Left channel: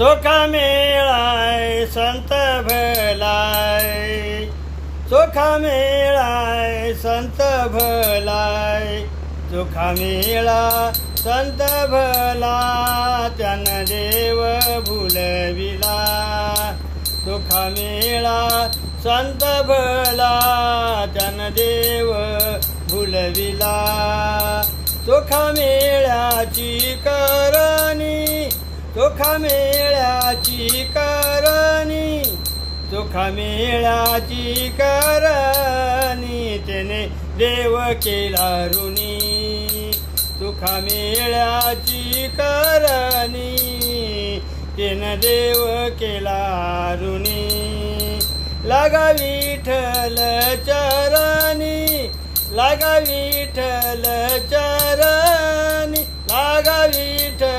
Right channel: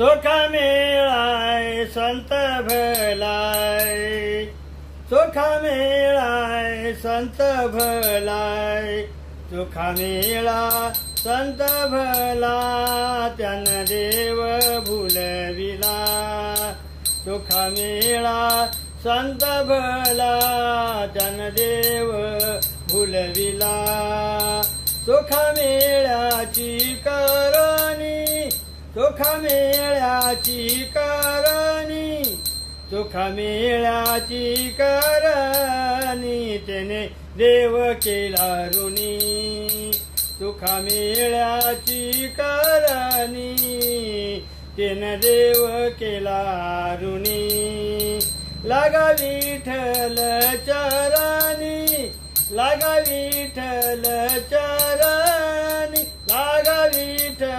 चोखा मेळाय संत भलाय, चोखा मेळाय संत भलाय, चोखा मेळा संत भला, त्यान देव भुलविला, चोखा मेळा संत भला, त्यान देव भुलविला, चोखा मेळ्याची करणी, चोखा मेळ्याची करणी, चोखा मेळ्याची करणी, त्याने देव केला ऋणी, चोखा मेळ्याची करणी, त्याने देव केला ऋणी, लागा विठ्ठल चरणी, लागा विठ्ठल चरणी, लागा विठ्ठल